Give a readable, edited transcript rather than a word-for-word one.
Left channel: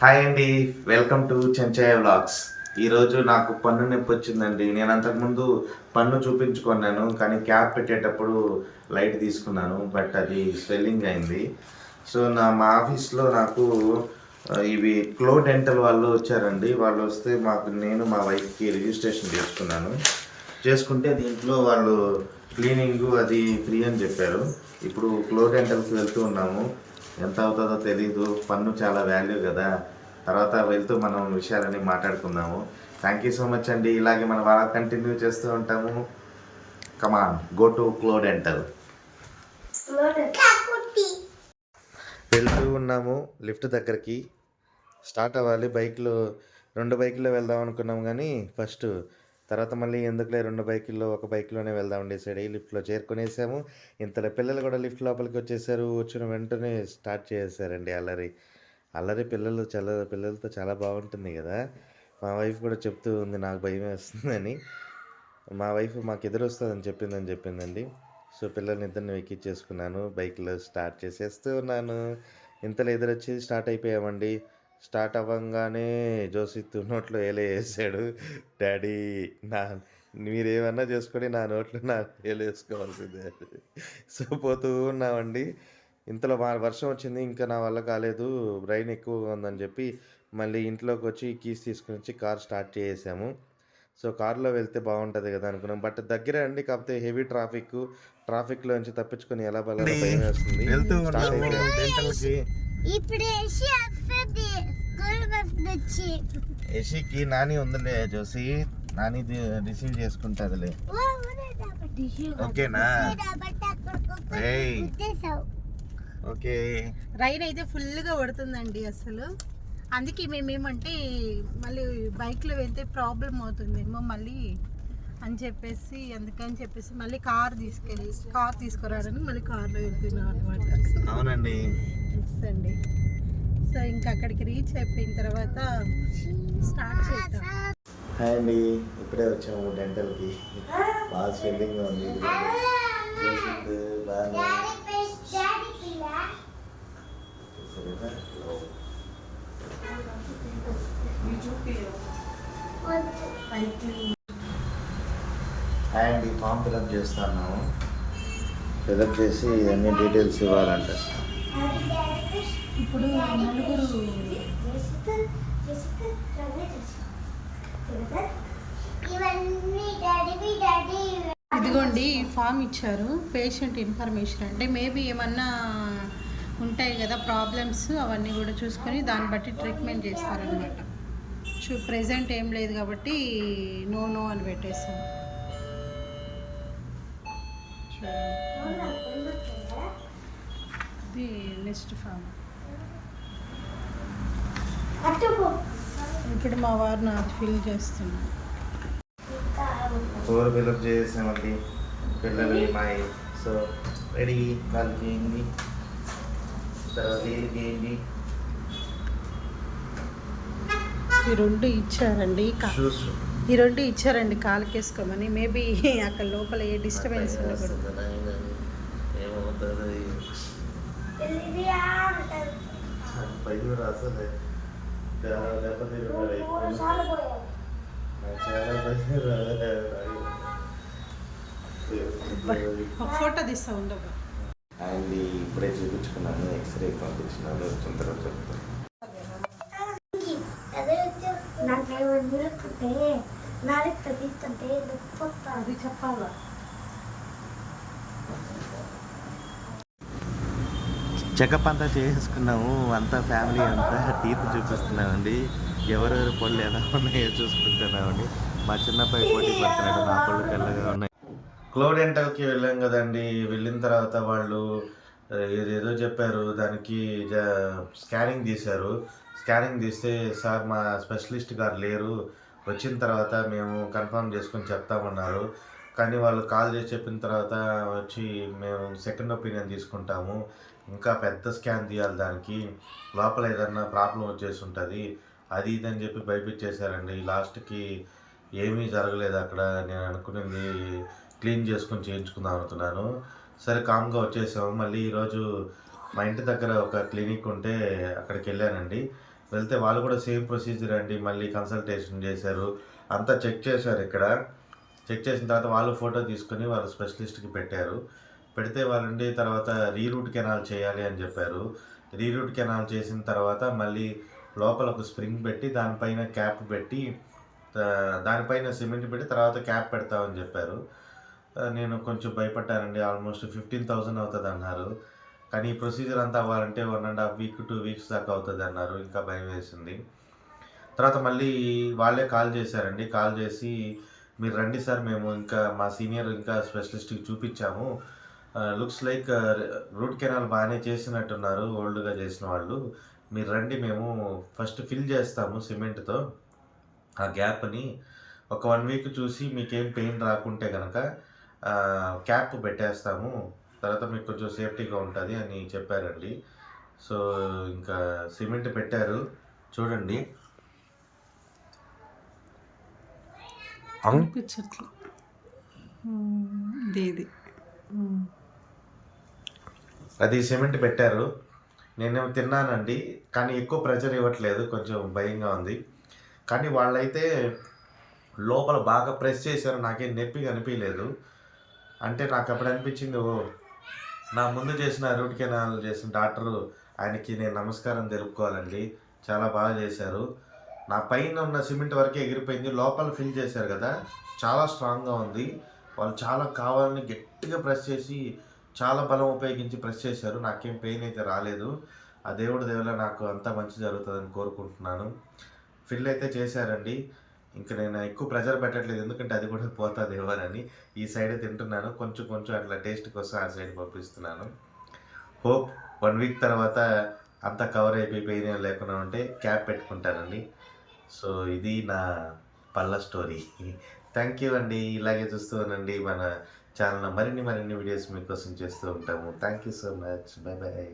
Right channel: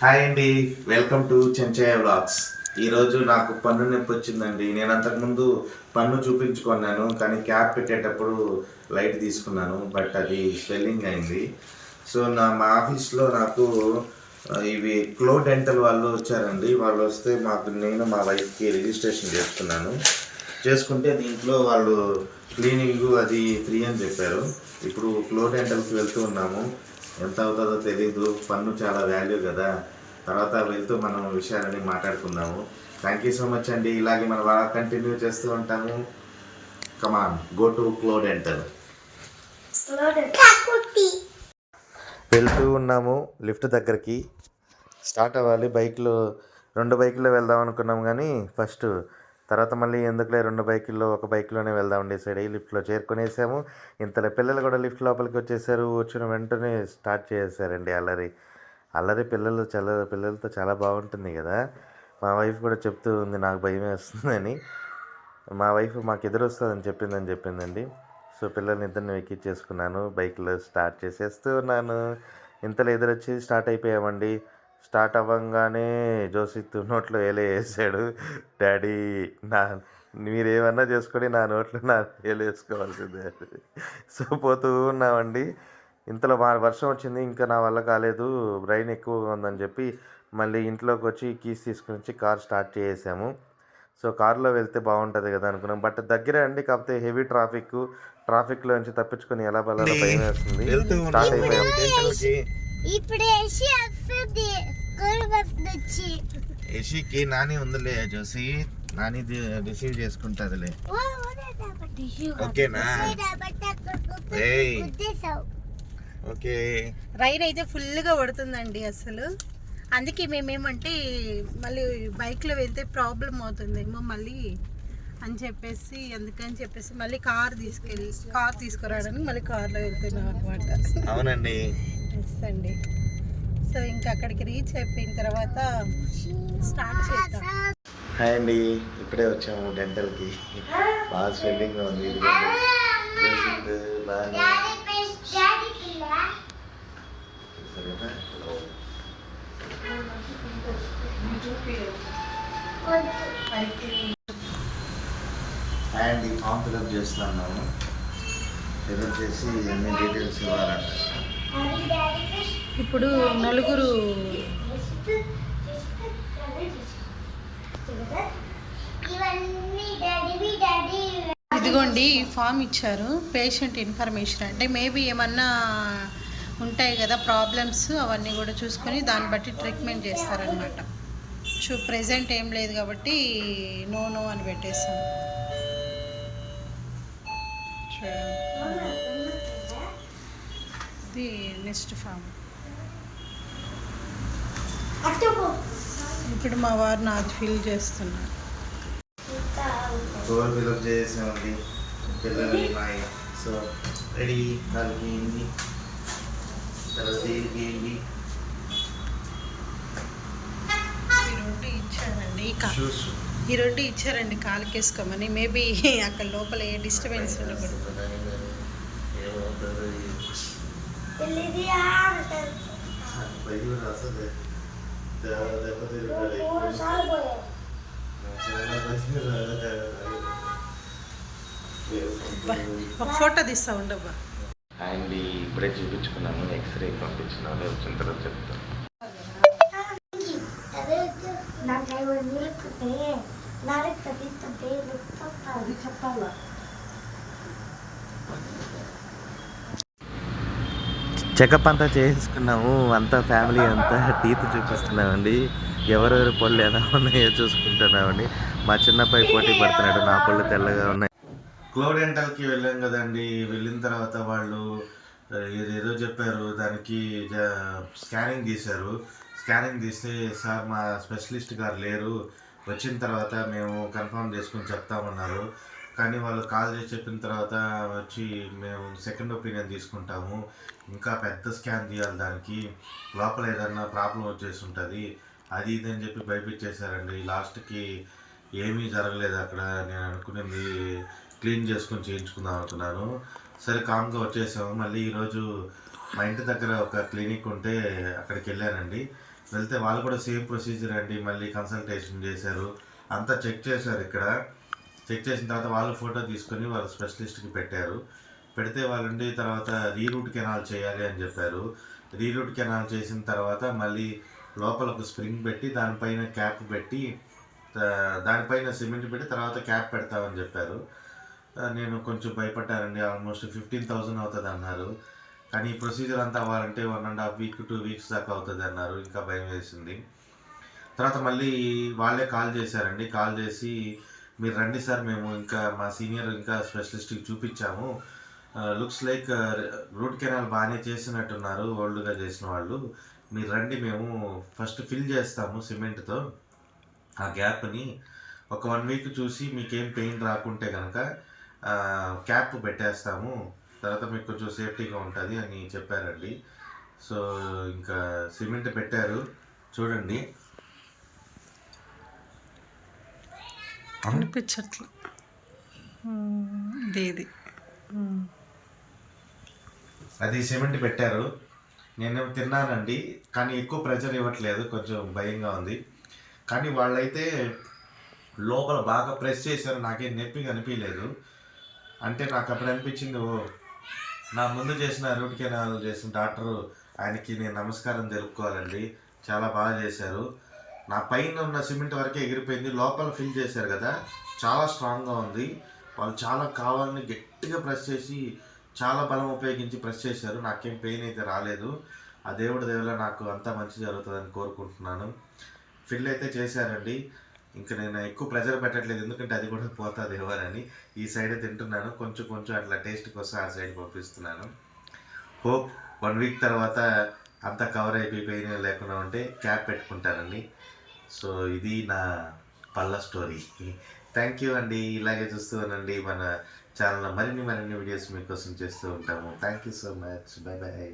Hi అండి, welcome to Chenchaiah vlogs. ఈరోజు నాకు పన్ను నొప్పి వచ్చిందండి. నేను అంతకుముందు పన్ను చూపించుకున్నాను, కానీ క్యాప్ పెట్టేటప్పుడు లైట్ తీసుకున్నాను, బట్ అది స్వెల్లింగ్ అయింది. సో మా ఆఫీస్లో నాకు ఇవి క్లో డెంటల్ వాళ్ళు వచ్చారండి. వాళ్ళు వస్తే నేను మా వైఫ్కి రిజిస్ట్రేషన్ చేసుకుంటే దీంట్లో వాళ్ళు క్లీనింగ్ అది ఫ్రీ అని చెప్పారు. ఇప్పుడు క్లో డెంటల్కి వెళ్తూ ఉన్నాము. ఎంత అవుతుందో తెలీదు, పన్ను చాలా వాల్యూ కదా. తర్వాత వెళ్తూ మనం విషయాలని మాట్లాడుకుందాము. థ్యాంక్ యూ సో మచ్ అండి. ఇలాగే మనం బాగా కంటిన్యూ చేస్తూ ఉంటాము. కమాన్, గో టు క్లో డెంటల్. వెళ్తూ ఉన్నాము లిఫ్ట్ దగ్గరికి. స్టార్ట్ అవ్వాలి. రెండు బైకుల్లో వెళ్దాం అనుకున్నాం, కానీ తర్వాత మళ్ళీ ఎందుకులే 2 బైకుల్లో ఒక బైక్లోనే వెళ్దాం డిసైడ్ అయ్యి లిఫ్ట్లో చేరుకునేసాము. ఇంతలో పిల్లలు కూడా లిఫ్ట్ లోపలికి వచ్చేసారు. వచ్చిన వెంటనే స్టార్ట్ చేసేసారండి అల్లరి. పిల్లలతో చాలా బాగుంటుంది కదా. మా వైఫ్ కూడా చెప్తూ ఉంది నాకు భయం వేస్తుందని. మా వైఫ్ మాకు ఎదురొస్తుందని చెప్పిందండి. సో పిల్లల్ని ఇద్దరిని ఎక్కించేసుకున్నాను, బైక్లో స్టార్ట్ చేసేస్తూ ఉన్నాను. ఇంతలో ఎదురొచ్చి స్టార్ట్ అయిపోయామండి. స్టార్ట్ అవ్వంగానే జోసిత్ నోట్లో వేసాడు. డాడీ, మీరేమన్నా చేసుకొని నా నోట్లో వేసుకోవాల్సిందే. సో పోతూ ఉన్నామండి. ఇంతలో వర్షం వచ్చింది, ఇంకా నా వల్ల కాలేదు, రైన్ ఎక్కువగా ఉందని చెప్పి మళ్ళీ ఇంట్లోకి వచ్చి కీస్ తీసుకుని వచ్చి కార్ స్టార్ట్ చేసాము. సో కార్లో వెళ్తే బాగుంటుంది కదా అనుకున్నాం, బట్ దగ్గరే అండి. కాకపోతే హెవీ ట్రాఫిక్లో నుంచి తప్పించుకొని ఎలా బలాలో భయం వేస్తుంది. స్టార్ట్ అయిపోయాం డెంటల్కి. యషికి నాని ఉందిలే జోసి, నాని రిసీవ్ చేసుకుంటుందిలే. ఓకేనా? ఓకే. రైన్ అయితే ఫుల్గా పడుతుందండి అసలు. అందుకే మేమేమంటే మళ్ళీ బైక్లో వెళ్తే ప్రాబ్లం అవుతుందేమో మళ్ళీ అందుకని చెప్పేసి మళ్ళీ కార్ తీసుకురావడానికి మళ్ళీ కార్లో వెళ్తున్నాం అనమాట. అవునండి. అండి. సో ఇంకా అక్కడికి రీచ్ అయిపోయిన తర్వాత స్టార్ట్ చేద్దాం. హాయ్ అండి, ఇప్పుడే వచ్చాము డెంటల్కి. బాగా స్వెల్లింగ్ ఉంది. అండ్ ఈ ఫామ్ ఫిల్అప్ చేస్తాను. ఫిల్అప్ చేసి అన్ని డీటెయిల్స్ ఇవ్వాలంట. ఇప్పుడు నలుగురు ఇదిగోండి ఈ ఫామ్ ఇచ్చారు. పేషెంట్ ఇన్ఫర్మేషన్ అంటే మేబీ ఏమన్నా ఉంటాయి కదా ప్రాబ్లమ్స్, అవన్నీ కూడా చూసుకొని దాన్ని బట్టి ట్రీట్మెంట్ చేస్తారనమాట. ప్రెజెంట్ ఏం లేదు కాబట్టి నో అని పెట్టేస్తాం. చూడండి, ఇది నెక్స్ట్ ఫామ్. ఇప్పుడు మా వారు నాది ఫిల్ చేస్తున్నారు. డోర్ ఫిల్అప్ చేసామండి. పిల్లలు సో రెడీ. వాళ్ళకి ఏంటి తర్వాత ఏంటి ఈ రెండు ఇచ్చారండి కాలుకేసుకోమని. మేబీ అక్కడ లోపల ఏ డిస్టర్బెన్స్ ఉండకూడదు. ఒక ఫోటో తీస్తా ఉండబ్బా. అండ్ ఇప్పుడే చూపించుకున్నాము, ఎక్స్రే పంపించినాము. వచ్చిన తర్వాత చెప్తాను. చెకప్ అంతా చేసుకున్నాము, అంతా ఫ్యామిలీ అంతా టీత్ చూపిస్తున్నామండి. ఎవరెవరి పళ్ళు ఎలా ఉన్నాయో చూసుకుంటున్నామండి. మా చిన్నపై పోటీ పడుతున్నాడు, నా పళ్ళు తెల్లగా ఉన్నాయి. క్లో డెంటల్కి వెళ్ళాం కదండి. వెళ్ళిన తర్వాత వాళ్ళు ఏదేదో చెప్పారు. దానికి స్కానింగ్ తీశారు. స్కానింగ్ తీస్తే సార్ మా స్పెషలిస్ట్ గారు లేరు, వచ్చిన తర్వాత మేము కన్ఫర్మ్ చేసుకొని చెప్తామన్నారు. కానీ వాళ్ళు కాల్ చేసి చెప్పిన తర్వాత వచ్చి మేము సెకండ్ ఒపీనియన్ తీసుకుంటాము, ఇంకా పెద్ద స్కాన్ తీయాలి, దానికి లోపల ఏదన్నా ప్రాబ్లం వచ్చేసి ఉంటుంది, అది ఇదని చెప్పి భయపించేశారండి. లాస్ట్కి ఏమీ జరగలేదు అక్కడ. నేను అనుకున్నది క్లీన్ చేసుకొని చేయించుకుందాం అనుకున్నాను. సరే కామ్గా వచ్చేసాము. మళ్ళీ ఈరోజు మా ఇంటి దగ్గర ఒక క్లినిక్ ఉంటే అక్కడికి వెళ్ళానండి. వెళ్తే వాళ్ళు కూడా సేమ్ ప్రొసీజర్ అండి. మళ్ళీ కన్సల్టేషన్ చేశారు, అంతా చెక్ చేశారు ఇక్కడ. చెక్ చేసిన తర్వాత వాళ్ళు ఫోటో తీసుకొని వాళ్ళ స్పెషలిస్ట్కి పెట్టారు. పెడితే వాళ్ళండి తర్వాత రీరూట్ కెనాల్ చేయాలి అని చెప్పారు. రీరూట్ కెనాల్ చేసిన తర్వాత మళ్ళీ లోపల ఒక స్ప్రింగ్ పెట్టి దానిపైన క్యాప్ పెట్టి దానిపైన సిమెంట్ పెట్టి తర్వాత క్యాప్ పెడతామని చెప్పారు. నేను కొంచెం భయపడ్డానండి. ఆల్మోస్ట్ 15,000 అవుతుంది అన్నారు. కానీ ఈ ప్రొసీజర్ అంతా అవ్వాలంటే 1.5 వీక్ 2 వీక్స్ దాకా అవుతుంది అన్నారు. ఇంకా భయం వేసింది. తర్వాత మళ్ళీ వాళ్ళే కాల్ చేశారండి. కాల్ చేసి మీరు రండి సార్, మేము ఇంకా మా సీనియర్ ఇంకా స్పెషలిస్ట్కి చూపించాము, లుక్స్ లైక్ రూట్ కెనాల్ బాగానే చేసినట్టున్నారు ఓల్డ్గా చేసిన వాళ్ళు, మీరు రండి, మేము ఫస్ట్ ఫిల్ చేస్తాము సిమెంట్తో ఆ గ్యాప్ని, ఒక 1 వీక్ చూసి మీకేం పెయిన్ రాకుంటే కనుక క్యాప్ పెట్టేస్తాము, తర్వాత మీకు కొంచెం సేఫ్టీగా ఉంటుంది అని చెప్పారండి. సో ఇంకా సిమెంట్ పెట్టారు చూడండి. అనిపించట్లేదు ఇది అది సిమెంట్ పెట్టారు. నేనేమో తిన్నానండి, కానీ ఎక్కువ ప్రెషర్ ఇవ్వట్లేదు, కొంచెం భయంగా ఉంది. కానీ వాళ్ళైతే లోపల బాగా ప్రెస్ చేశారు, నాకేం నొప్పిగా అనిపించలేదు. అంటే నాకు అప్పుడు అనిపించింది, ఓ నా ముందు చేసిన రూట్ కెనాల్ చేసిన డాక్టరు, ఆయనకి నేను నమస్కారం తెలుపుకోవాలండి, చాలా బాగా చేశారు. నా పైన ఉన్న సిమెంట్ వరకే ఎగిరిపోయింది, లోపల ఫిల్ చేశారు కదా చాలా స్ట్రాంగ్గా ఉంది. వాళ్ళు చాలా కావాలని గట్టిగా ప్రెస్ చేసి చాలా బలం ఉపయోగించి ప్రెస్ చేశారు. నాకేం పెయిన్ అయితే రాలేదు. ఆ దేవుడి దేవుల నాకు అంతా మంచి జరుగుతుందని కోరుకుంటున్నాను. ఫిల్ అయితే చేశారండి. ఇంకా నేను ఎక్కువ ప్రెజర్ పెట్టట్లేదు, ఎందుకంటే అది కూడా పోతుంది ఇవ్వాలని. ఈ సైడ్ తింటున్నాను, కొంచెం కొంచెం అట్లా టేస్ట్ కోసం ఆ సైడ్ పంపిస్తున్నాను. హోప్ 1 వీక్ తర్వాత అంతా కవర్ అయిపోయి పెయిన్ లేకుండా ఉంటే క్యాప్ పెట్టుకుంటానండి. సో ఇది నా పళ్ళ స్టోరీ. థ్యాంక్ యూ అండి. ఇలాగే చూస్తూ ఉండండి, మన ఛానల్లో మరిన్ని వీడియోస్ మీకోసం చేస్తూ ఉంటాము. Thank you so much. Bye bye.